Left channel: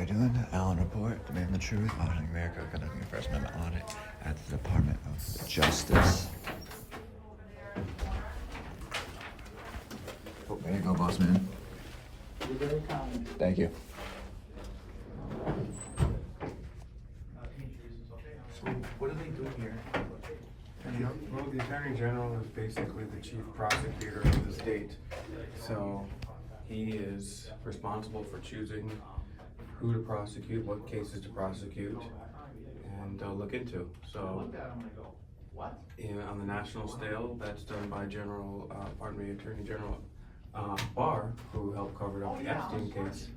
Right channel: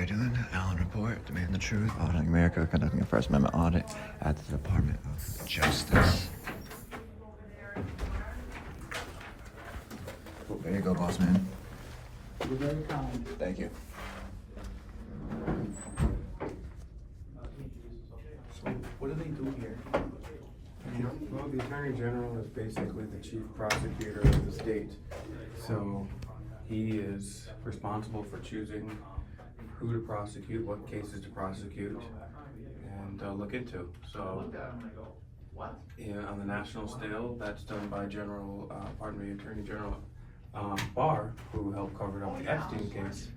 you doing? Allen Report, Demand the Truth, Auditing America, conducting a First Amendment audit at the Department of Justice. Oh, there you go, boss man. You're very kind. Thank you. So what do they do here? Well, the Attorney General is basically the chief prosecutor of the state. So he is responsible for choosing who to prosecute, what cases to prosecute, and look into. So on the national scale, that's done by Attorney General Barr, who helped cover up the Epstein case.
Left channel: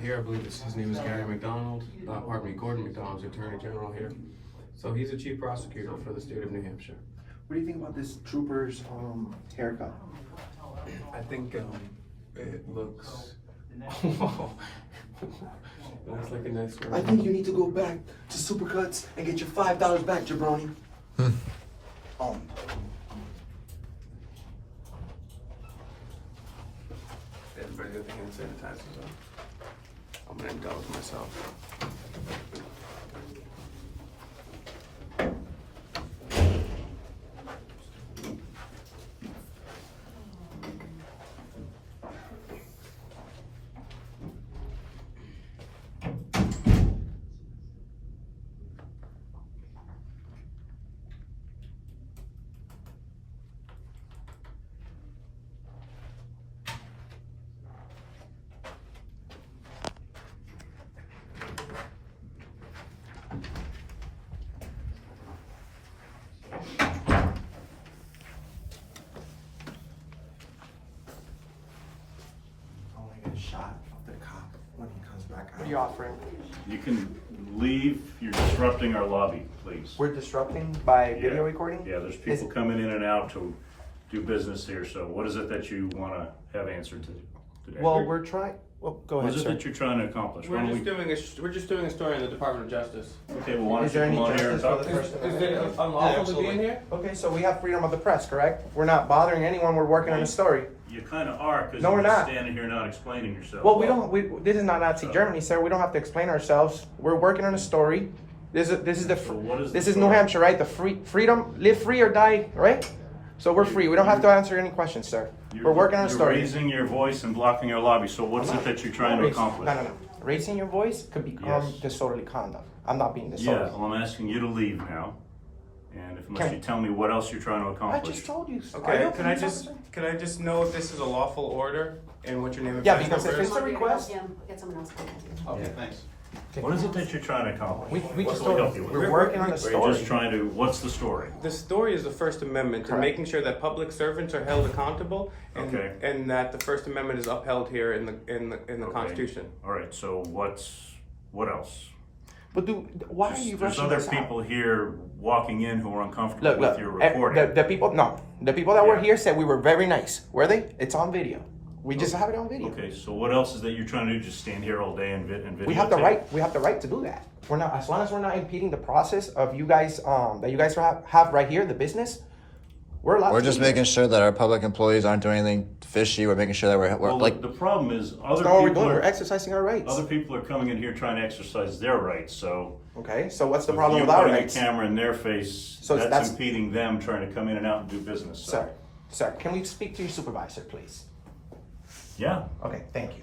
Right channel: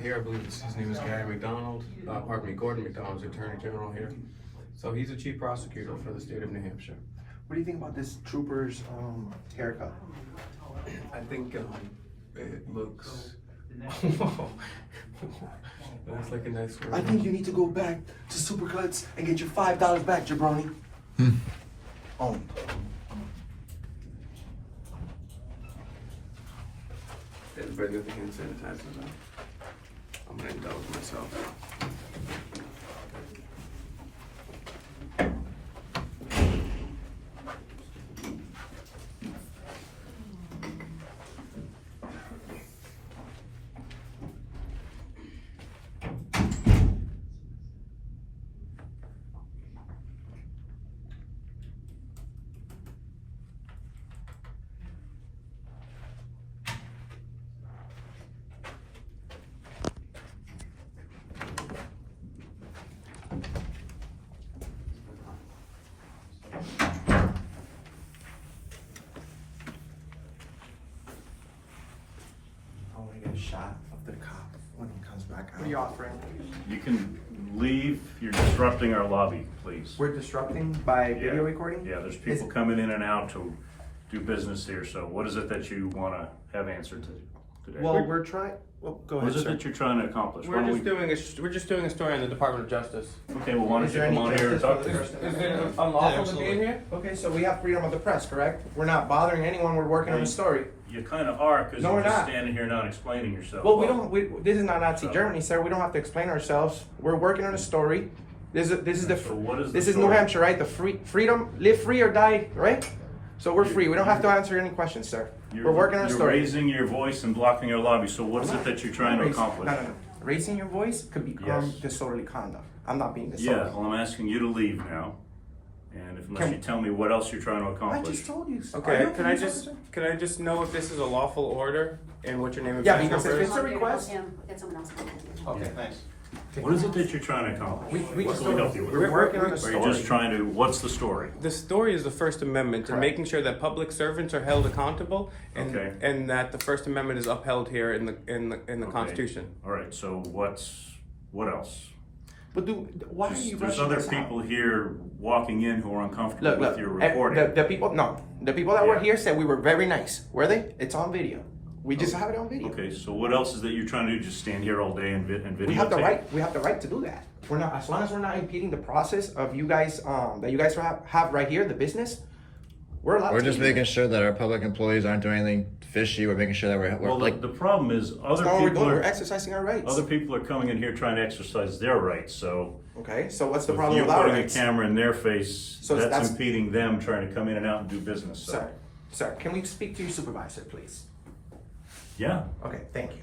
Here, I believe his name is Gordon McDonald's the Attorney General here. So he's the chief prosecutor for the state of New Hampshire. What do you think about this trooper's haircut? I think it looks it looks like a nice I think you need to go back to Supercuts and get your $5 back, jabroni. Everybody with the hand sanitizers on. I'm gonna indulge myself. Shot of the cop when he comes back out. What are you offering? You can leave. You're disrupting our lobby, please. We're disrupting by video Yeah. recording? Yeah, there's people coming in and out to do business here, so what is it that you want to have answered today? Well, we're trying, well, go What ahead, is it sir. that you're trying to accomplish? Why We're don't just doing a story on the Department of Justice. Okay, well, why don't Is you there come any on here and justice talk for to the us? person? Is it unlawful to be in here? Okay, so we have freedom of the press, correct? We're not bothering anyone, we're working on a story. You kind of are, because No, you're we're just not. standing here not explaining yourself. Well, this is not Nazi Germany, sir, we don't have to explain ourselves. We're working on a story. This is So what is the this is New story? Hampshire, right? The freedom, live free or die, right? So we're free, we don't have to answer any questions, sir. We're working on a You're story. raising your voice and blocking our lobby, so what is it that you're trying to accomplish? No. Raising your voice could become Yes. disorderly conduct. I'm not being Yeah, disorderly. well, I'm asking you to leave now, and unless Can- you tell me what else you're trying to I accomplish. just told you. Are you Okay, a can I police just officer? know if this is a lawful order and what your name is? Yeah, because if it's a I'll request. get someone else to help you. Okay, thanks. What is it that you're trying to accomplish? We What just can we told help you with? we're working on a Or story. are you just trying to, what's the story? The story is the First Amendment and Correct. making sure that public servants are held accountable and, Okay. and that the First Amendment is upheld here in the Okay. Constitution. All right, so what else? But why are you There's rushing other this people out? here walking in who are uncomfortable Look, with your the recording. people, no, the people that were Yeah. here said we were very nice. Were they? It's on video. We just have it on video. Okay, so what else is that you're trying to do? Just stand here all day and videotape? We have the right. We have the right to do that. We're not, as long as we're not impeding the process of you guys, that you guys have right here, the business. We're allowed. We're to just do it. making sure that our public employees aren't doing anything fishy. We're making sure that we're Well, like, the problem is other That's not what we're people doing. We're are, exercising our rights. other people are coming in here trying to exercise their rights, so Okay, so what's the if problem you with our putting a rights? camera in their face, So that's that's- impeding them trying to come in and out and do business, so. Sir, can we speak to your supervisor, please? Yeah, Okay, thank you.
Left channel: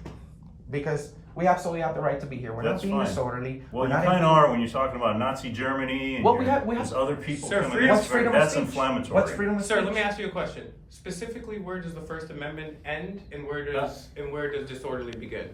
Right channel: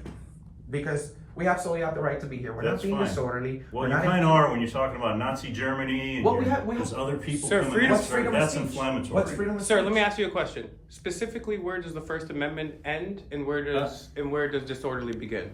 Because we absolutely have the right to be here. We're not That's being fine. disorderly. well, We're you not kind of are when you're talking about Nazi Germany and Well, we have- there's other people Sir, coming freedom- in. What's freedom That's of speech? inflammatory. What's freedom of Sir, speech? let me ask you a question. Specifically, where does the First Amendment end and where does disorderly begin?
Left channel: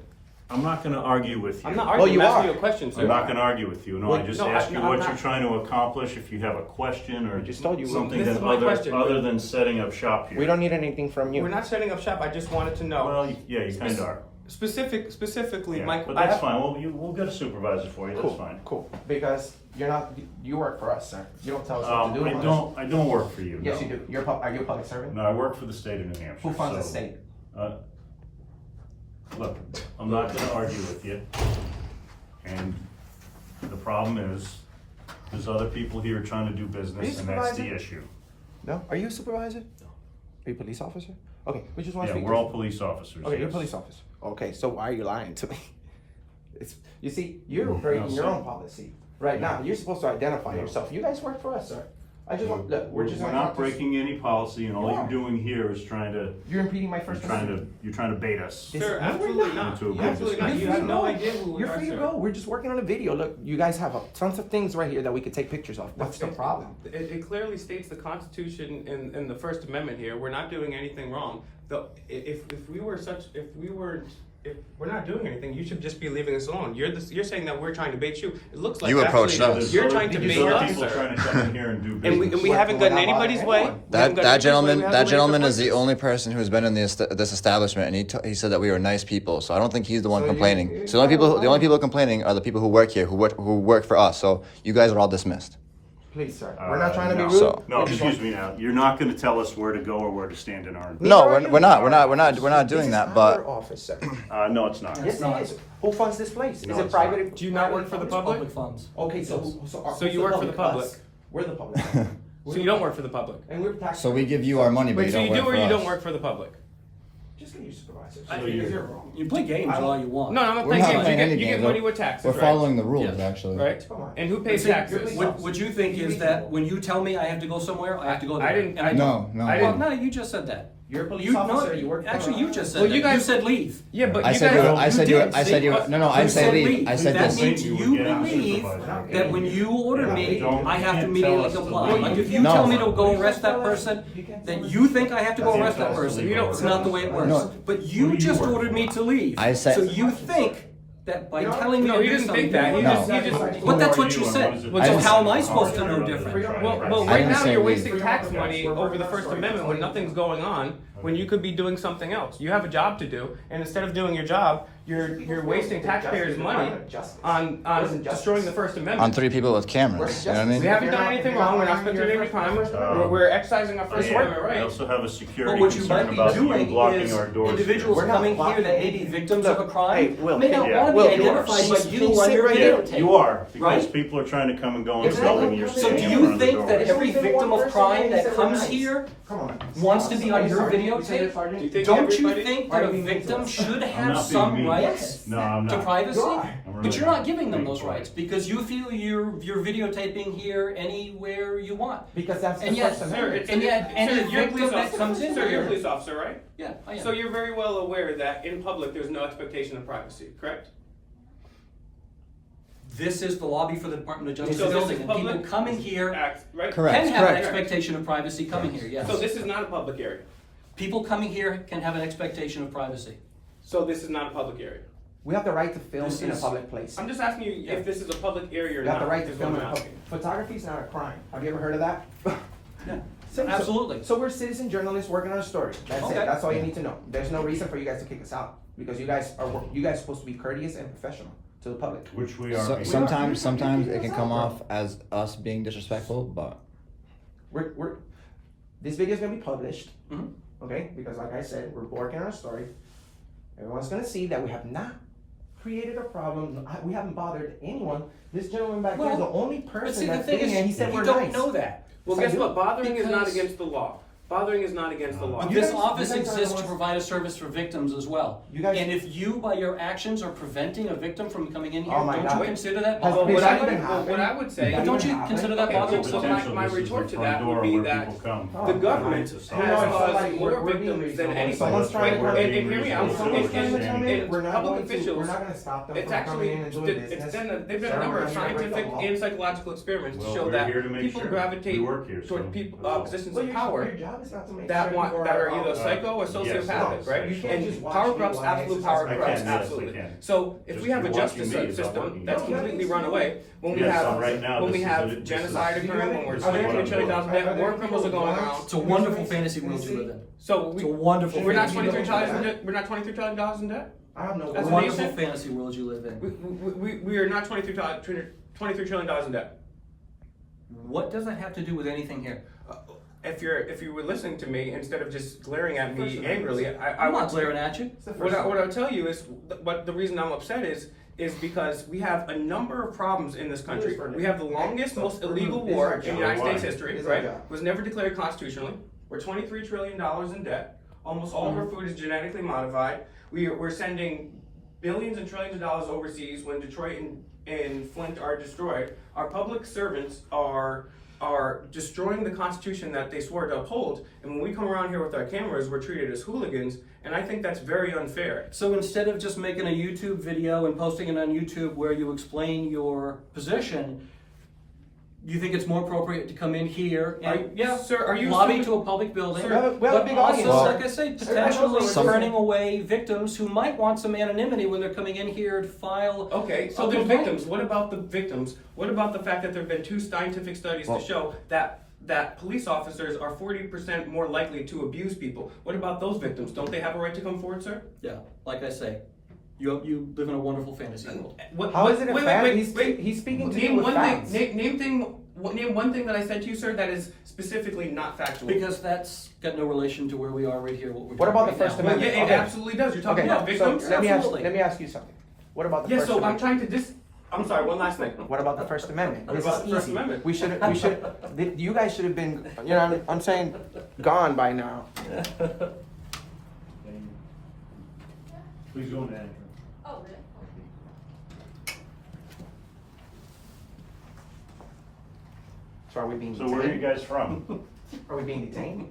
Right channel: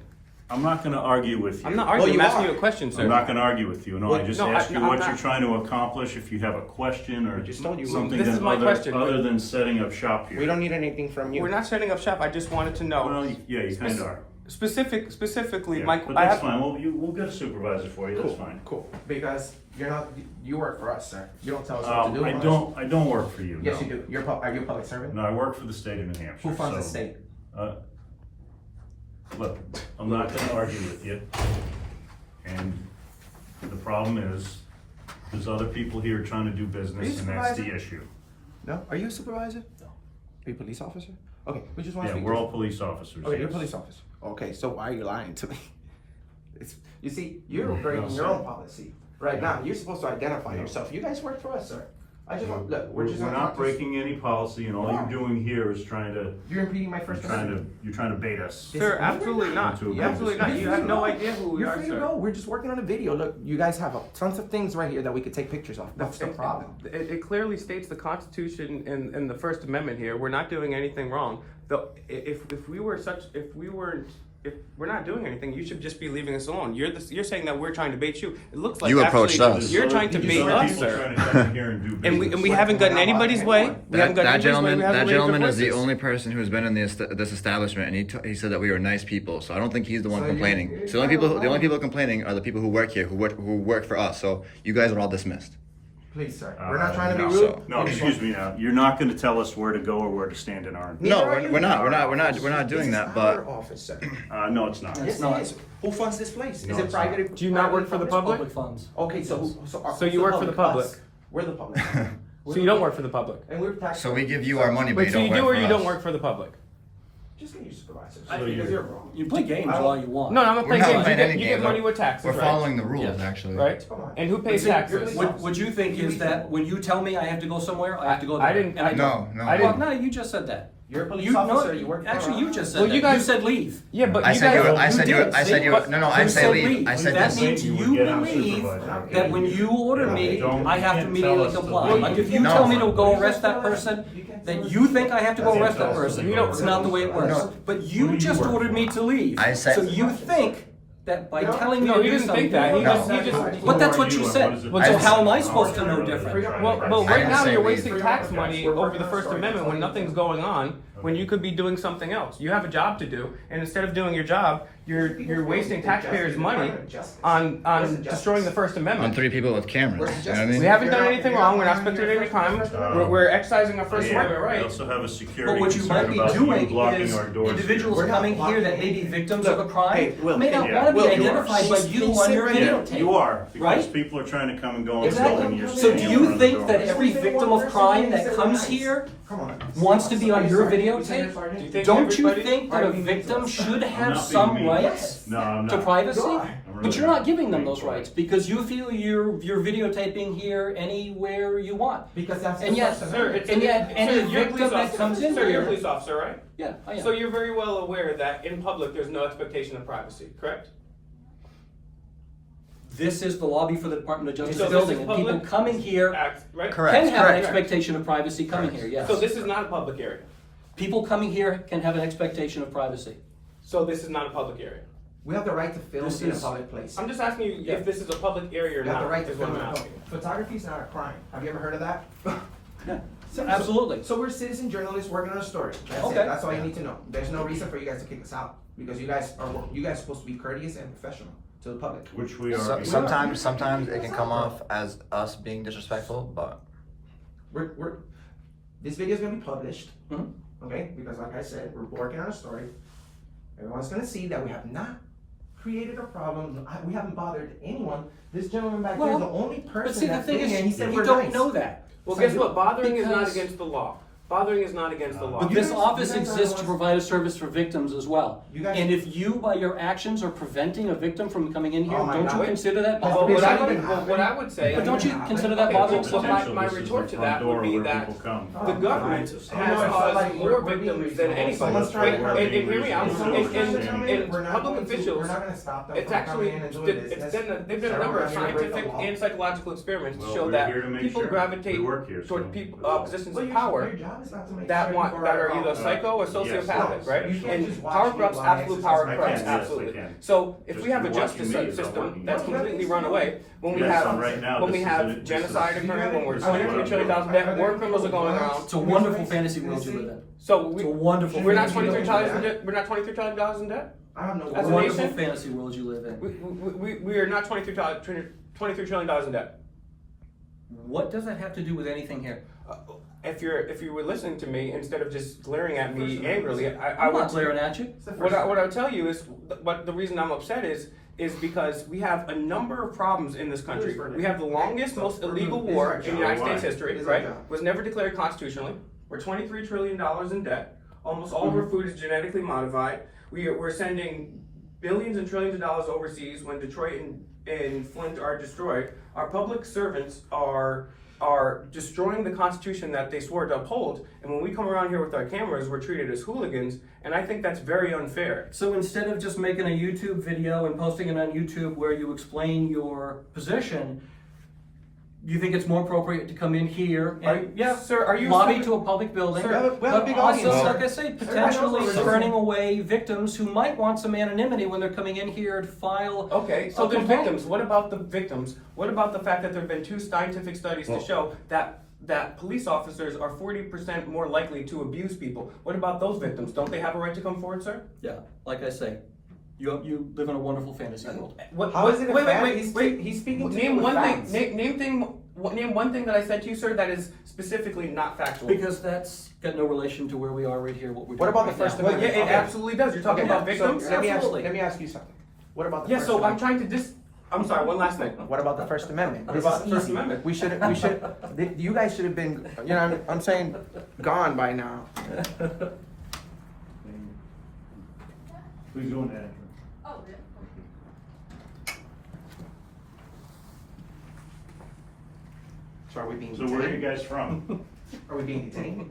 I'm not going to argue with you. I'm not Well, arguing. you I'm asking are. you a question, sir. I'm not going to argue with you. No, I Well, just no, asked you I'm what not- you're trying to accomplish. If you have a question or just told you. something This is then my other question. other than setting up shop here. We don't need anything from you. We're not setting up shop. I just wanted to know. Well, yeah, you kind of are. Specifically, Yeah, my but I that's have. fine. We'll get a supervisor for you. That's Cool, fine. cool. Because you're not, you work for us, sir. You don't tell us what to do. I don't work for you. Yes, no. you do. Are you a public servant? No, I work for the state of New Hampshire. Who funds the so, state? Look, I'm not going to argue with you. And the problem is, there's other people here trying to do Are you business, and that's the supervisor? issue. No? Are you a supervisor? No. Are you a police officer? Okay, we just want to Yeah, speak we're to all police officers. Okay, you're a yes. police officer. Okay, so why are you lying to me? You see, you're breaking your own policy right now. You're supposed to identify yourself. You guys work for us, sir. I just want, look, we're just We're gonna not have to- breaking any policy, and all you're doing here is trying to, You're impeding my First Amendment. you're trying to bait us. This- Sir, no, we're absolutely not. not. You're Absolutely not. You have no idea who we You're are, free to sir. go. We're just working on a video. Look, you guys have tons of things right here that we could take pictures of. What's the problem? It clearly states the Constitution in the First Amendment here. We're not doing anything wrong. Though, if we're not doing anything, you should just be leaving us alone. You're saying that we're trying to bait you. It looks like You approached actually us. You're trying to There's bait other us, people sir. trying to come in here and do And business. we haven't gotten anybody's way. That gentleman is the only person who's been in this establishment, and he said that we were nice people. So I don't think he's the one So complaining. you- So the only people complaining are the people who work here, who work for us. So you guys are all dismissed. Please, sir. We're not trying to be no. rude. So- No, excuse me now. You're not gonna tell us where to go or where to stand in our. No, we're not doing that. But Our office, sir. No, it's not. Yes, not. it is. Who funds this place? Is No, it it's private? Do you not work for the public? Public funds. Okay, so So you work for the public? Us. We're the public. So you don't work for the public. And we're tax. so we give you our money, but Wait, you so don't you work do or for you us. don't work for the public? Just get your supervisor. So Because you're- you're wrong. You play games all you want. No, I'm not We're playing not games. playing any You get game. money with taxes, We're right? following the rules, Yes. actually. Right? Come on. And who pays See, taxes? what you think is that when you tell me I have to go somewhere, I have to go there. I didn't- And I- don't. No, I no. Well, no, you just said that. You're a police You officer. no, You work for actually, us. you just said Well, that. you guys- said leave. Yeah, but I you said guys you. don't- I said you. did, I see? said you. But No, I you said said leave. leave. I said That this. means You would you get a believe supervisor. that when you order me, Don't- I have to you can't immediately tell us to comply. leave. Like if you No. tell me to go arrest that person, that you think I have to go You can't arrest that tell us to person. leave. It's not the way it works. No. But Who you do you just work ordered for? me to leave. I said- So you think that by telling me No, to he do didn't something. think that. He No. just. But that's Who are what you and said. what is it Well, that so you how do? am I supposed to know different? Well, I right didn't now say you're leave. wasting tax money over the First Amendment when nothing's going on, when you could be doing something else. You have a job to do, and instead of doing your job, you're wasting taxpayers' money on destroying the First On Amendment. 3 people with cameras. You know what I mean? We haven't done anything wrong. We're not spending any time. We're exercising our First Amendment We right. also have a security But what you might concern be about you doing blocking is our doors. individuals coming here that may be victims of a crime Will, may not yeah, want to Will, be you are. identified by you on Sit your right Yeah, videotape. you are, because Right? people are trying to come and go and go, Exactly. and you're So standing do in you front of the think door. that every victim of crime that comes here Come on. wants to be on your Do you videotape? think Don't you everybody- think that a victim should have not some being mean. rights No, I'm to not. privacy? You are. I'm But really you're not giving them those Being rights because you feel you're videotaping here anywhere you want. Because that's And the yet- First Sir, Amendment. it's, And yet, any sir, you're a victim police that officer. comes in Sir, you're a here- police officer, right? Yeah, I am. So you're very well aware that in public there's no expectation of privacy, correct? This is the lobby for the Department of Justice So this building, is and people public? coming here Act, right? Correct. can have an correct. expectation of privacy coming here, yes. So this is not a public area. People coming here can have an expectation of privacy. So this is not a public area. We have the right to film This in a is- public place. I'm just asking you Yeah. if this is a public area or We have not. the right to is what film I'm in a asking. public. Photography is not a crime. Have you ever heard of that? Yeah, So- absolutely. So we're citizen journalists working on a story. That's it. Okay. That's all you need to know. There's no reason for you guys to kick us out because you guys are supposed to be courteous and professional to the public. Which we are. So, sometimes it can come off as us being disrespectful, but This video is gonna be published. Mhm. Okay, because like I said, we're working on a story. Everyone's gonna see that we have not created a problem. We haven't bothered anyone. This gentleman back here is the only person But see, the that's thing been is, here, and he said you we're don't nice. know that. Well, So guess you- what? Bothering is not because- against the law. Bothering is not against the law. But You this guys- office you guys are the exists to ones- provide a service for victims as well. You guys- And if you, by your actions, are preventing a victim from coming in here, Oh my don't God. you consider that Has Well, been bothering? what I something would, happening? what I would say. But don't you Okay, consider that okay, bothering so someone? my Potential, this is retort the to front that would door be where that people come. the Oh, government It's You know, has it's caused like more we're being victims than reasonable. anybody. Someone's trying to And come hear me out. If someone's trying to come in, In we're not public going to- officials, we're not gonna stop them it's from coming in actually, and doing business. they've done a So number we're of not gonna break the scientific law. and psychological experiments to Well, show we're that here to make people sure gravitate we work here, toward so- positions So of your power job is not to make that sure want, people that are about either that. psycho or Yes, sociopathic, yes. right? You can't just And watch power people corrupts on absolute exercise. power I corrupts, can, yes, I absolutely. can. So if Just we have a watching justice me is system all that's you need. completely run away, when we Yes, have, right now, when we this is have it. This is- genocide occurring, when we're This is what 23 I'm trillion doing. dollars in debt, more criminals are going around. It's a wonderful fantasy world you live in. So It's a wonderful we're not fantasy 23 world. trillion in debt. We're not 23 trillion dollars in debt. I have no. As a Wonderful nation? fantasy world you live in. We are not 23 trillion dollars in debt. What does that have to do with anything here? If you were listening to me instead of just glaring at me angrily, I I'm would not glaring at you. What I would tell you is, but the reason I'm upset is because we have a number of problems in this country. We have the longest, most illegal war in United States history, right? Was never declared constitutionally. We're $23 trillion in debt. Almost all of our food is genetically modified. We're sending billions and trillions of dollars overseas when Detroit and Flint are destroyed. Our public servants are destroying the Constitution that they swore to uphold. And when we come around here with our cameras, we're treated as hooligans. And I think that's very unfair. So instead of just making a YouTube video and posting it on YouTube where you explain your position, you think it's more appropriate to come in here and Sir, are you lobby to a public building, Sir, we have a but big also, audience. like I say, potentially Sir, turning away victims who might want some anonymity when they're coming in here to file. Okay, so a the complaint. victims, what about the victims? What about the fact that there have been 2 scientific studies to show that police officers are 40% more likely to abuse people? What about those victims? Don't they have a right to come forward, sir? Yeah, like I say, you live in a wonderful fantasy world. How is it? Wait. He's speaking to Name you with one thing. facts. Name one thing that I said to you, sir, that is specifically not factual. Because that's got no relation to where we are right here, what we're What doing about right the First now. Well, yeah, Amendment? it absolutely does. You're talking about victims. So, Absolutely. let me ask you something. What about the Yeah, First so I'm Amendment? trying to I'm sorry, one last thing. What about the First Amendment? This about is the First easy. Amendment? We should, you guys should have been, you know, I'm saying, gone by now. Please go in, Andrew. Oh, really? So are we being So where are you detained? guys from? Are we being detained?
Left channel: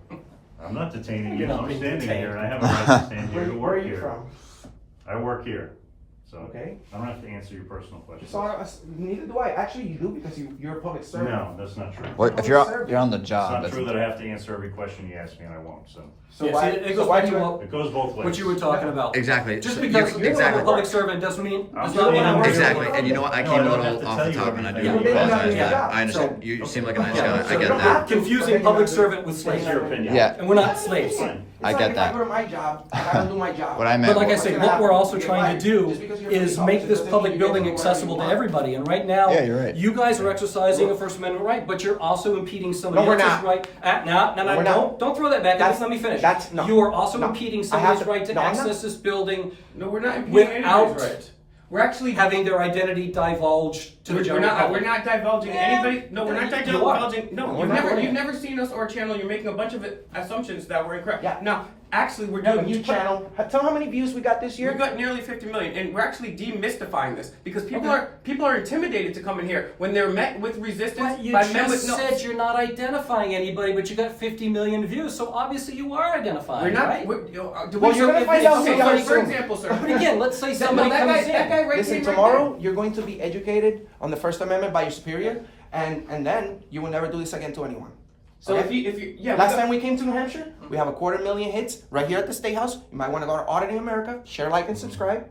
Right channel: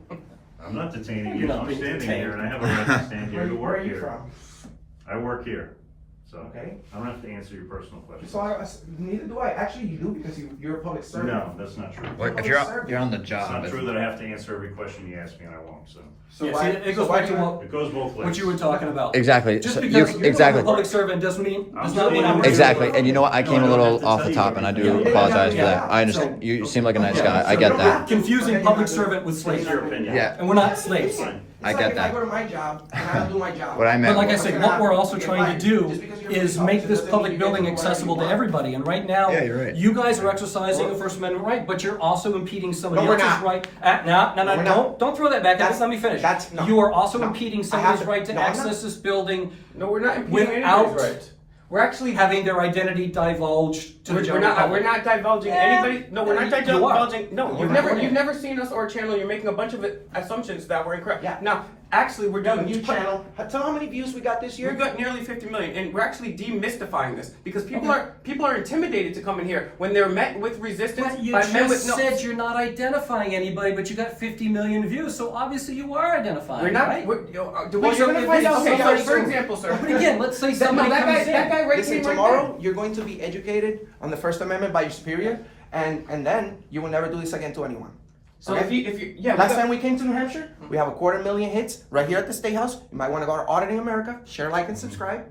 I'm not detaining you, You're not I'm being standing detained. here and I have a right to stand here to Where are work you here. from? I work here, so Okay. I don't have to answer your personal questions. So neither do I. Actually, you do because you're a public servant. No, that's not true. Well, if you're on the It's job, not that's- true that I have to answer every question you ask me and I won't, so. So Yeah, see, why- it so goes why back do to you- what It goes both ways. what you were talking about. exactly. Just So because you- you're exactly. a public servant doesn't mean I'm Exactly, and you know what? I came a No, I don't little have to off tell the you top, and I do everything. apologize for Yeah. that. I understand. So- You seem like a nice Yeah, guy. I so get you're that. confusing public servant with It's slave. your opinion. Yeah. And we're not slaves. Fine. I It's get like if that. I go to my job, I gotta do my job. What I But meant. like I was- said, what we're also trying to do is make this public building accessible to everybody. And right now, Yeah, you're right. you guys are exercising a First Amendment right, but you're also impeding somebody No, we're else's not. right. No, We're not. don't throw that back at us. Let me finish. No. You are also No. impeding I somebody's haven't. right to No, I'm access not. this building No, we're not impeding without anybody's right. We're actually having their identity divulged to the general We're public. not divulging Yeah. anybody. No, we're not You are. divulging. No, You're recording you've it. never seen us or our channel. You're making a bunch of assumptions that were incorrect. Yeah. Now, actually, we're No, doing new channel. Tell how many views we got this year. We've got nearly 50 million, and we're actually demystifying this because people are intimidated to come in here when they're met with resistance But you by men with just no. said you're not identifying anybody, but you got 50 million views, so obviously you are identifying, We're not. right? Do Well, we? you're gonna find out Okay, so somebody for soon. example, sir. But again, let's say No, somebody that comes guy in. right Listen, came right tomorrow there. you're going to be educated on the First Amendment by your superior, and then you will never do this again to anyone. So Okay? if you yeah. Last time we came to New Hampshire, we have 250,000 hits right here at the State House. You might want to go to Auditing America, share, like, and subscribe.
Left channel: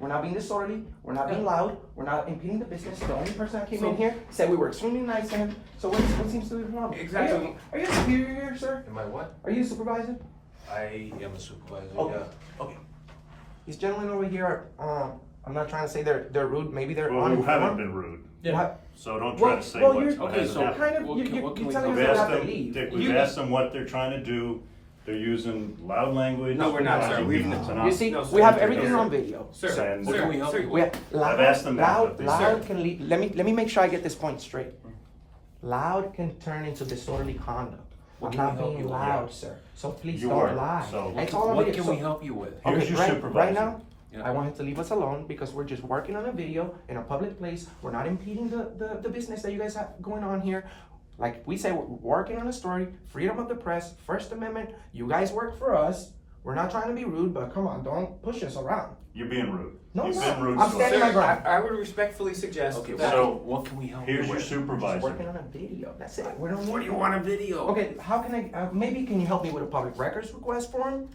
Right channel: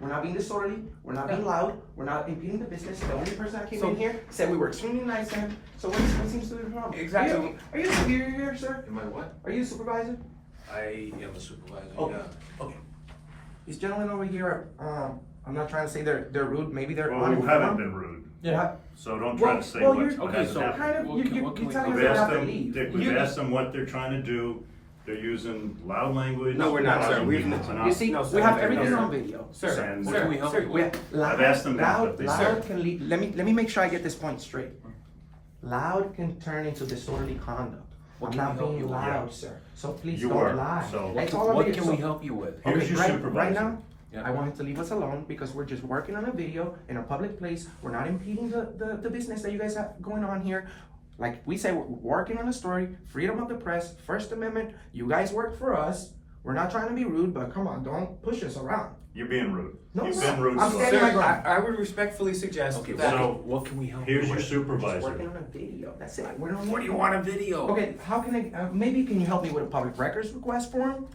We're not being disorderly. We're not being loud. We're not impeding the business. The only person that came in here said we were extremely nice to him. So what seems to be the problem? Exactly. Are you a superior here, sir? Am I what? Are you a supervisor? I am a supervisor, Okay. yeah. Okay. These gentlemen over here, I'm not trying to say they're rude. Maybe they're Well, we haven't uninformed. been rude, Yeah. What? so don't try to say what you're- hasn't okay, so- happened. Kind of, What you, can- you, what can you we tell do? us We've they asked have to them, leave. Dick, we've asked them what they're trying to do. They're using loud language. No, we're not, sir. causing We've- people to not- You see, No, we sir. have everything Sir. on video. Sir, And sir, what can we help sir, you We have I've asked them that, but they loud said- can lead. Let me make sure I get this point straight. Loud can turn into disorderly conduct. What I'm can not we help being you with? loud, sir. So please You don't were, lie. so- It's all on What video. can we So- help you with? Here's your right supervisor. now, Yeah. I want him to leave us alone because we're just working on a video in a public place. We're not impeding the business that you guys have going on here. Like we say, we're working on a story, freedom of the press, First Amendment. You guys work for us. We're not trying to be rude, but come on, don't push us around. You're being rude. No, You've I'm been not. rude I'm to standing us. my ground. I would respectfully suggest Okay, that. So- what can we help you Here's your with? Just supervisor. working on a video. That's it. We're not. What do you want a video? Okay, how can I? Maybe can you help me with a public records request form,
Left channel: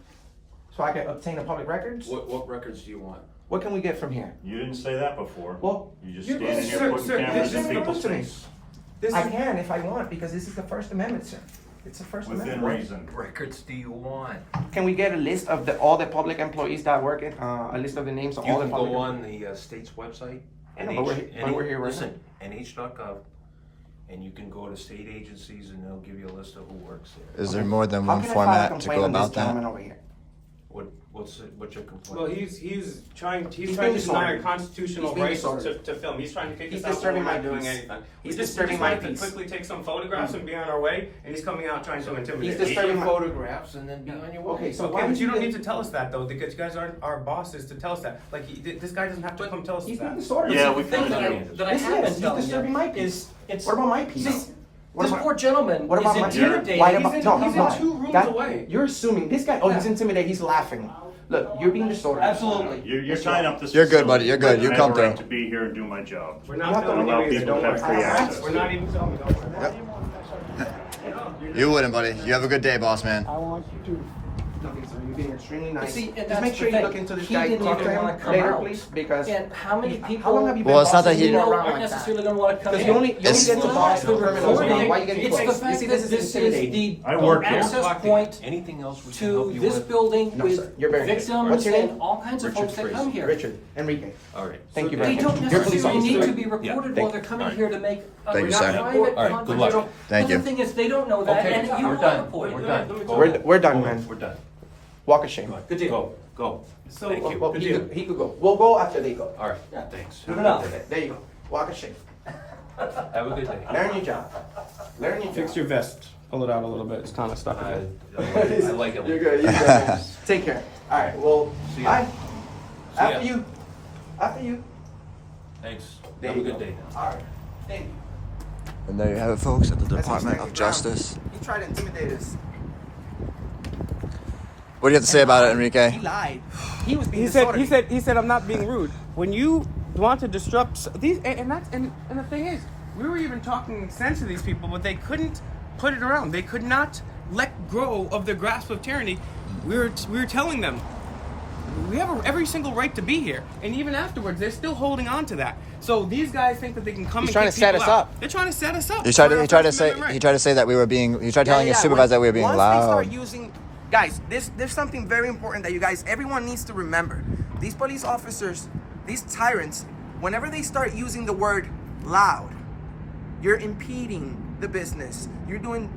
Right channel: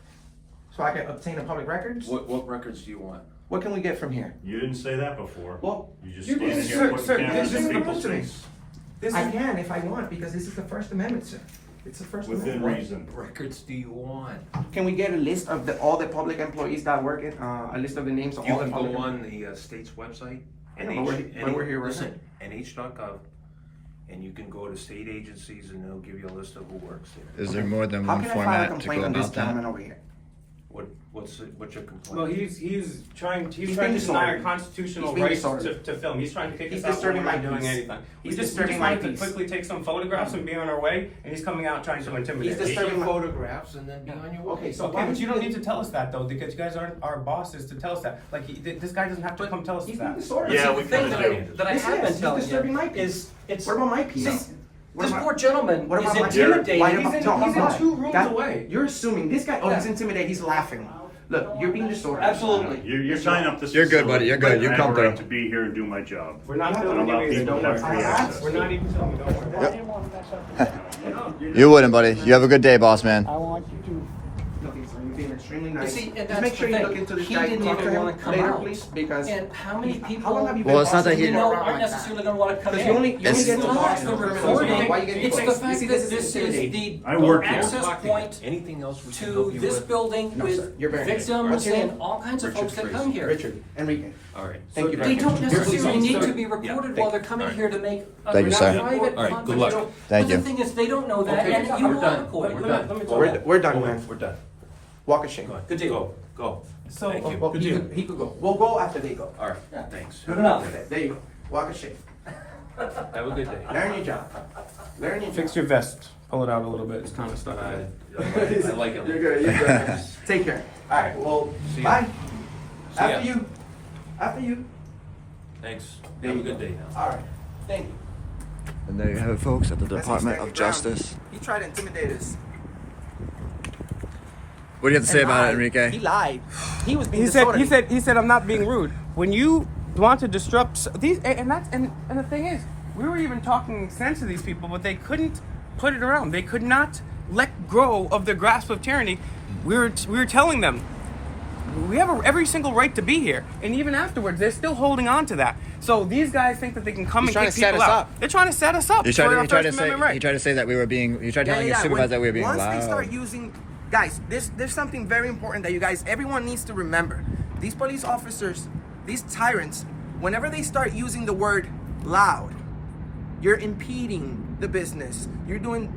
so I can obtain the public records? What records do you want? What can we get from here? You didn't say that before. Well, You just you standing did, here sir, putting sir, cameras this in is people's promotion. face. This I is- can if I want because this is the First Amendment, sir. It's the First Within Amendment. reason. Records do you want? Can we get a list of all the public employees that work in, a list of the names of You all the can public? go on the state's website, Yeah, but we're here right listen, nh.gov, and you can go to state agencies and they'll give you a list of who works there. Is there more than How one can I file a format to complaint go on this about that? gentleman over here? What's your complaint? Well, he's trying to being deny our disorderly. constitutional He's being rights disorderly. to film. He's trying to kick He's us out when disturbing we're my not doing peace. anything. He's We just disturbing my wanted peace. to quickly take some photographs and be on our way, and he's coming out trying to intimidate He's us. disturbing my photographs and then be on your way. Okay, so Okay, why but you don't did- need to tell us that though, because you guys aren't our bosses to tell us that. Like, this guy doesn't have to come tell us He's being that. disorderly. Yeah, The we thing can that agree. I Yes, have been he's telling disturbing my you peace. is, it's. What about my peace? See, What this about- poor gentleman What about my is Why intimidated. about- He's no, in come on. 2 rooms God, away. You're assuming this guy. Oh, he's Yeah. intimidated. He's laughing. Look, you're being disorderly. Absolutely. You're tying up this. You're good, buddy. You're good. You I have come a right through. to be here and do my job. We're not You have to filming allow you either, people don't to worry. have free access. We're not even filming, don't worry. Yep. You wouldn't, buddy. You have a good day, boss man. I don't like you too. No, listen, you're being extremely You nice. see, and Just that's make the sure you thing. look into this He guy. didn't Talk to even him want to come later, out. please, because And how many how people long have you Well, been it's not that bossing he- you know around aren't like that? necessarily going to want to come Because in? you only It's get to not boss the the criminals. recording. Why you getting It's the fixed? You fact see, that this is this is the intimidating. I work here. access point Anything else we can to help you this with? building No, sir. with You're very good. victims What's your and name? all kinds of folks that come here. Richard, Enrique. All right. Thank you very They much. don't You're a police necessarily need officer. to be recorded while they're coming here to make. a Thank you, sir. private, All right, good luck. confidential- Thank But you. the thing is, they don't know that, Okay, and you we're are done. recording. We're done. We're done, man. We're done. Walk of shame. Good deal. Go. So, Thank you. Well, he could go. We'll go after they go. All right. Thanks. Good enough. There you go. Walk of shame. Have a good day. Learn your job. Learn your fix job. your vest. Pull it out a little bit. It's kind of stuck. I like it. You're good. You're good. Take care. All right. Well, bye. After ya. you. After you. Thanks. There Have a you good go. day now. All right. Thank you. And there you have it, folks, at the That's Department his of ground. Justice. He tried to intimidate us. What do you have to say And about it, lied. Enrique? He lied. He was being He disorderly. said, I'm not being rude. When you want to disrupt these, and the thing is, we were even talking sense to these people, but they couldn't put it around. They could not let go of the grasp of tyranny. We were telling them, we have every single right to be here, and even afterwards, they're still holding on to that. So these guys think that they can come He's and trying kick to set people us out. up. They're trying to set us up. He tried for to, our he tried to First say Amendment right. he tried to say that we were being he tried telling his supervisor that we were being Once loud. they start using, guys, there's something very important that you guys, everyone needs to remember. These police officers, these tyrants, whenever they start using the word loud, you're impeding the business. You're doing,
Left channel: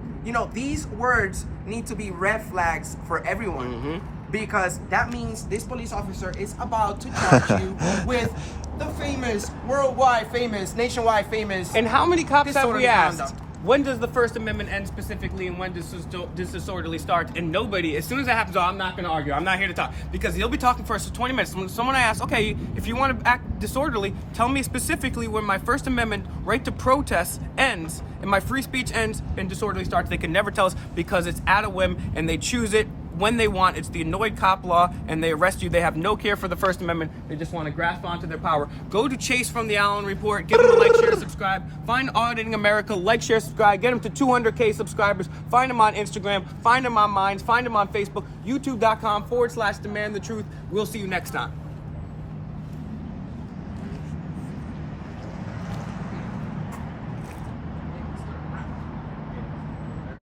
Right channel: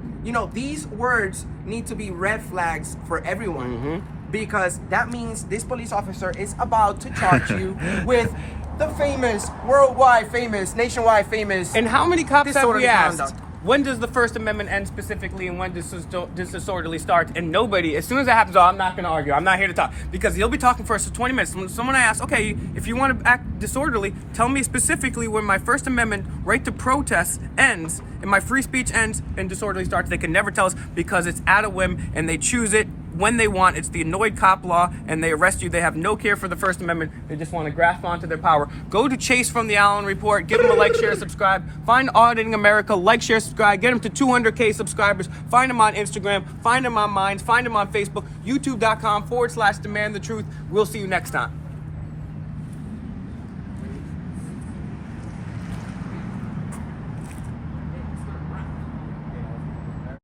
these words need to be red flags for everyone. Because that means this police officer is about to charge you with the famous, worldwide famous, nationwide famous. And how many cops have disorderly we asked? conduct. When does the First Amendment end specifically, and when does this disorderly start? And nobody, as soon as that happens, I'm not going to argue. I'm not here to talk. Because he'll be talking for us for 20 minutes. When someone asks, okay, if you want to act disorderly, tell me specifically when my First Amendment right to protest ends and my free speech ends and disorderly starts. They can never tell us because it's at a whim and they choose it when they want. It's the annoyed cop law, and they arrest you. They have no care for the First Amendment. They just want to grasp onto their power. Go to Chase from the Allen Report. Give him a like, share, subscribe. Find Auditing America. Like, share, subscribe. Get him to 200K subscribers. Find him on Instagram. Find him on Minds. Find him on Facebook. YouTube.com/Demand the Truth. We'll see you next time.